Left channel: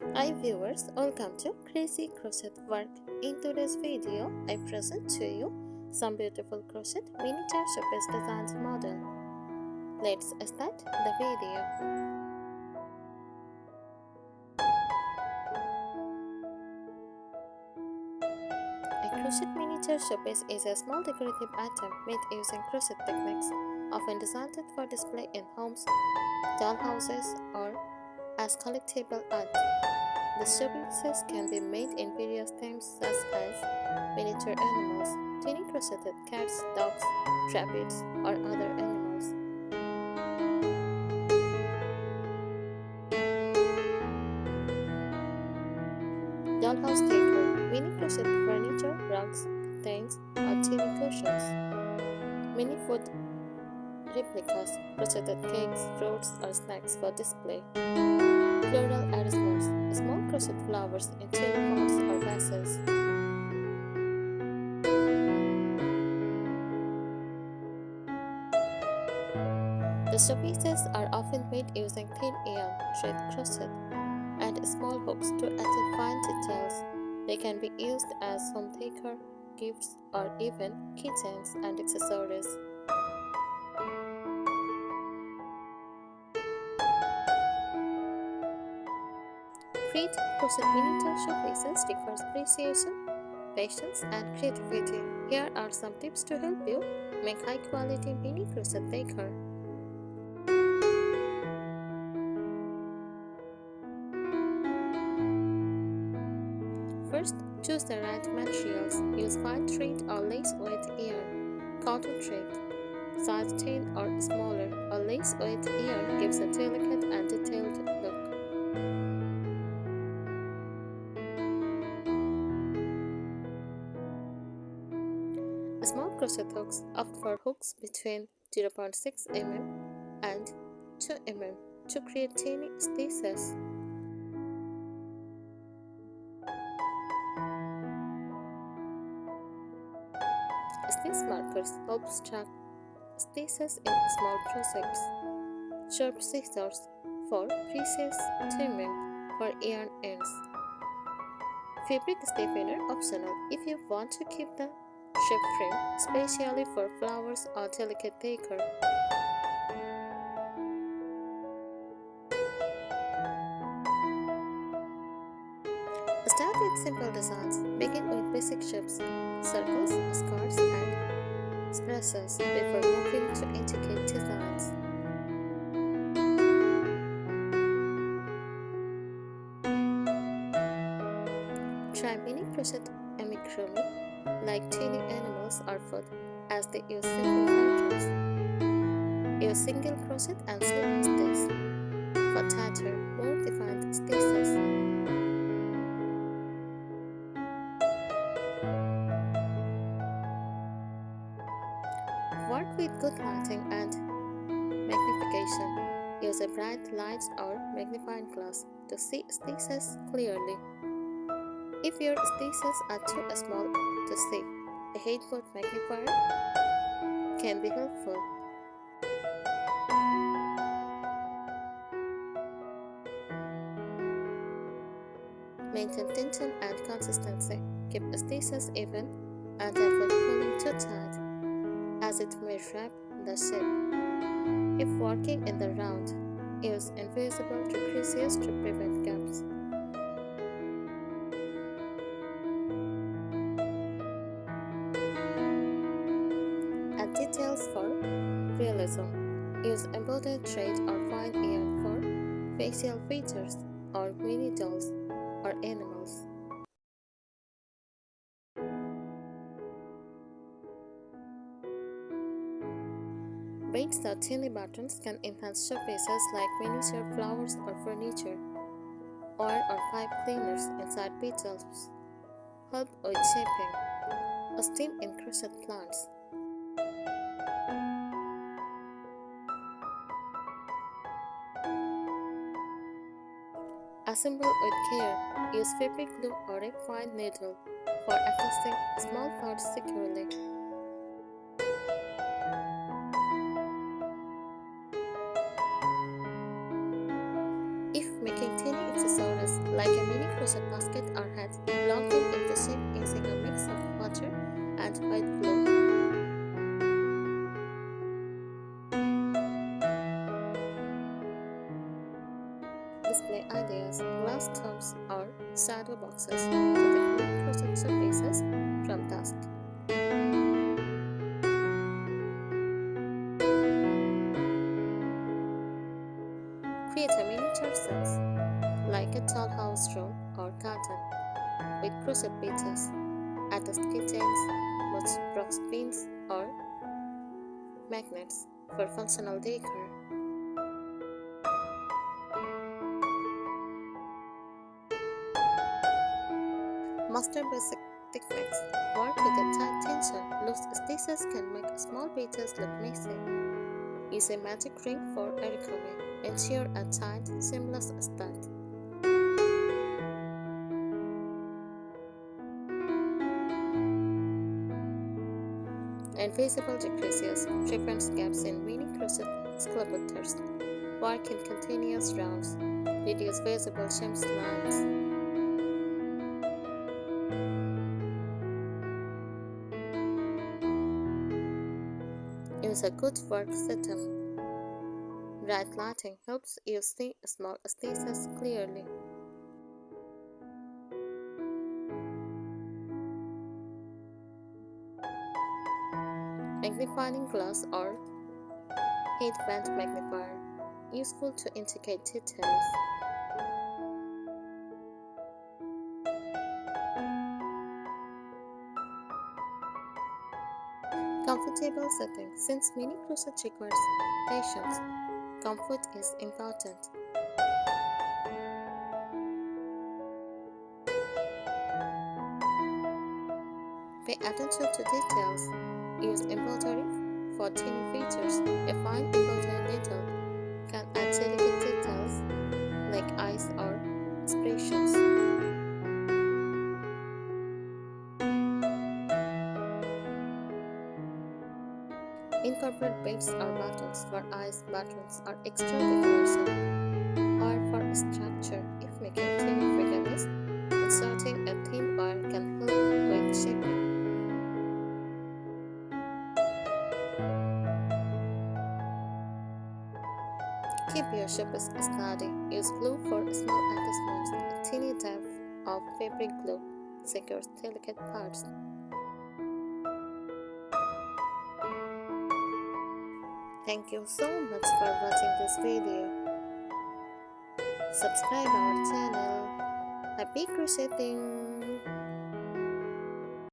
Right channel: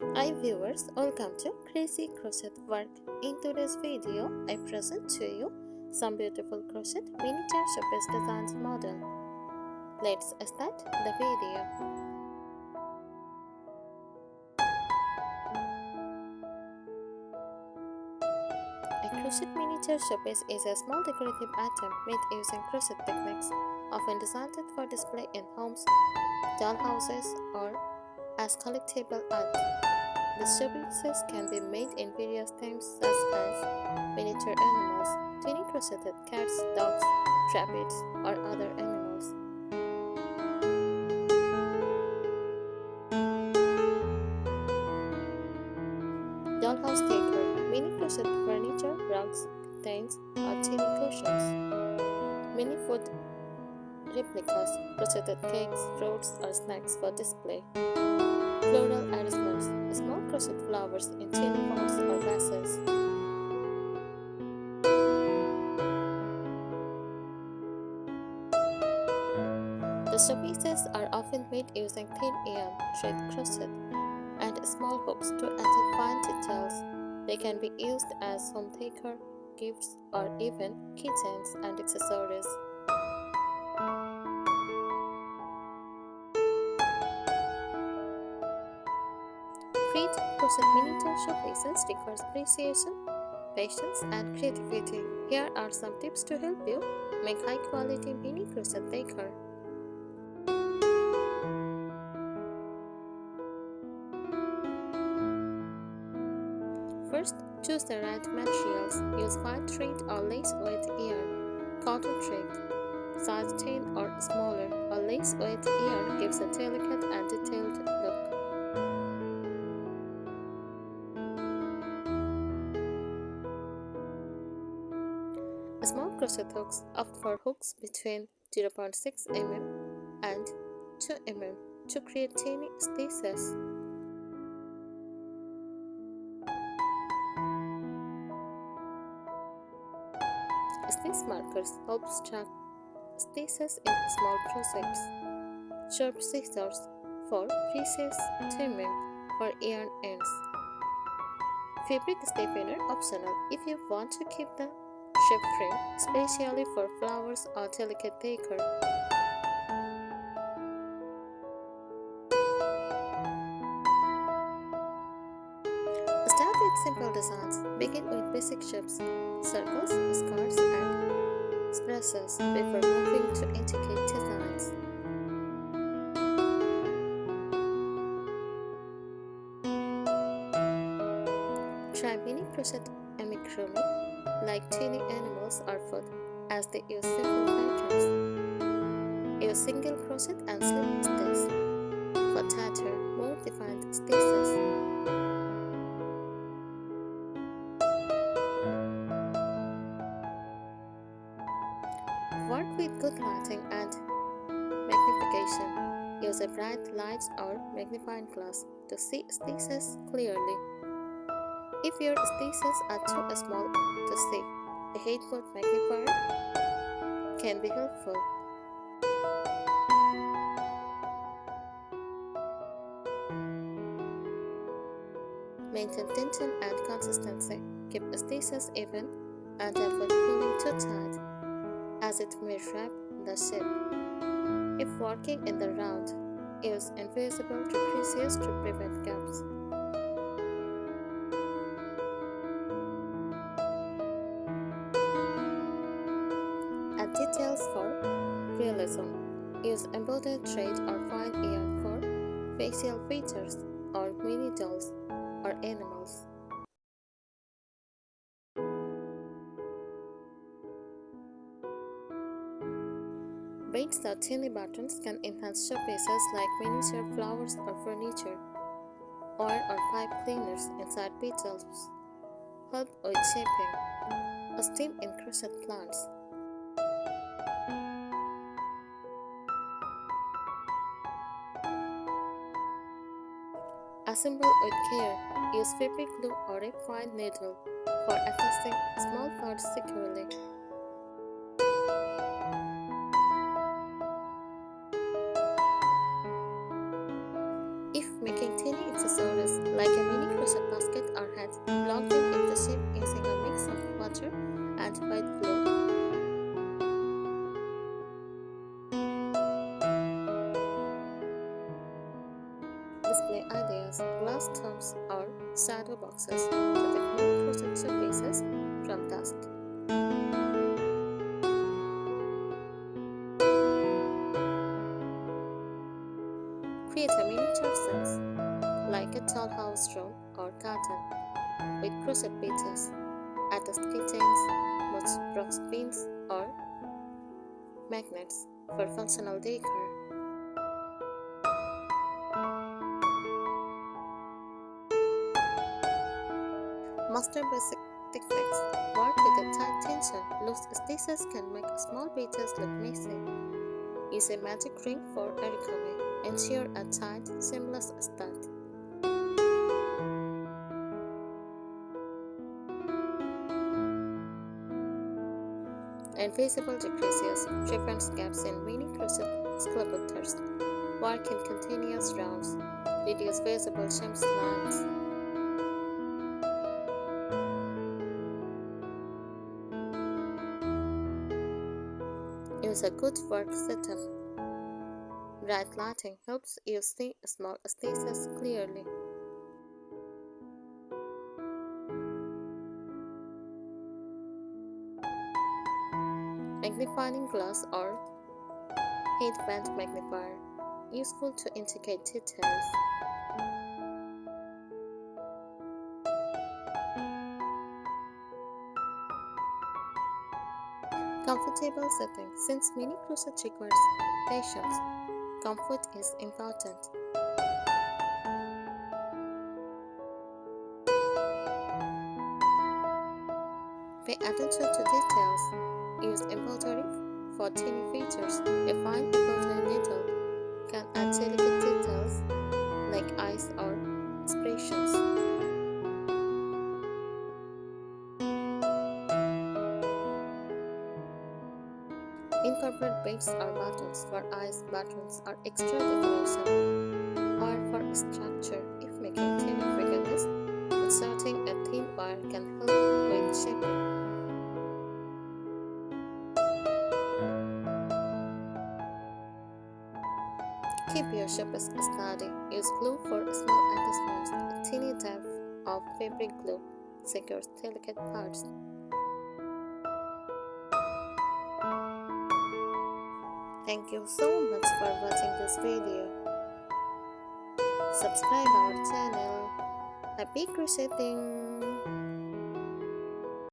Hi viewers, welcome to Crazy Crochet Work. In today's video, I present to you some beautiful crochet miniature showpiece designs model. Let's start the video. A crochet miniature showpiece is a small decorative item made using crochet techniques, often designed for display in homes, dollhouses, or as collectible art. The showpieces can be made in various themes such as miniature animals, tiny crocheted cats, dogs, rabbits, or other animals. Dollhouse decor, mini crochet furniture, rugs, curtains, or tiny cushions. Mini food replicas, crocheted cakes, fruits, or snacks for display. Floral arrangements, small crochet flowers in tiny pots or vases. The showpieces are often made using thin yarn, thread crochet, and small hooks to add fine details. They can be used as home decor, gifts, or even keychains and accessories. Create crochet miniature showpieces requires appreciation, patience, and creativity. Here are some tips to help you make high-quality mini crochet decor. First, choose the right materials. Use fine thread or lace-weight yarn, cotton thread, size 10 or smaller. A lace-weight yarn gives a delicate and detailed look. Small crochet hooks opt for hooks between 0.6 mm and 2 mm to create tiny stitches. Stitch markers help track stitches in small projects. Sharp scissors for precise trimming for yarn ends. Fabric stiffener optional if you want to keep the shape frame, especially for flowers or delicate decor. Start with simple designs. Begin with basic shapes, circles, squares, and splashes before moving to intricate designs. Try mini crochet amigurumi like tiny animals or food as they use simple patterns. Use single crochet and slip stitch for tighter, more defined stitches. Work with good lighting and magnification. Use a bright light or magnifying glass to see stitches clearly. If your stitches are too small to see, a headboard magnifier can be helpful. Maintain tension and consistency. Keep stitches even and avoid pulling too tight, as it may wrap the shape. If working in the round, use invisible decreases to prevent gaps. Add details for realism. Use embroidered thread or fine yarn for facial features or mini dolls or animals. Beads or tiny buttons can enhance showpieces like miniature flowers or furniture. Oil or pipe cleaners inside petals help with shaping. A steam in crochet plants. Assemble with care. Use fabric glue or a fine needle for attaching small parts securely. If making teeny accessories like a mini crochet basket or hat. Block them into shape using a mix of water and white glue. Display ideas, glass tubs or shadow boxes. Protect mini crochet showpieces from dust. Create a miniature sense like a tall house room or garden with crochet beaches, attached keychains, box pins, or magnets for functional decor. Master basic techniques. Work with a tight tension. Loose stitches can make small beaches look messy. Use a magic ring for origami. Ensure a tight, seamless start. Invisible decreases prevents gaps in mini crochet sculptures. Work in continuous rounds. Reduce visible seams lines. Use a good work setup. Bright lighting helps you see small stitches clearly. Magnifying glass or headband magnifier, useful to indicate details. Comfortable setting. Since mini crochet requires patience, comfort is important. Pay attention to details. Use embroidery for teeny features. A fine embroidery needle can add delicate details like eyes or expressions. Incorporate beads or buttons for eyes, buttons, or extra decoration, or for structure. If making teeny figurines, inserting a thin wire can help with shaping. Keep your shapes steady. Use glue for small attachments. A teeny dab of fabric glue secures delicate parts. Thank you so much for watching this video. Subscribe our channel. Happy crocheting!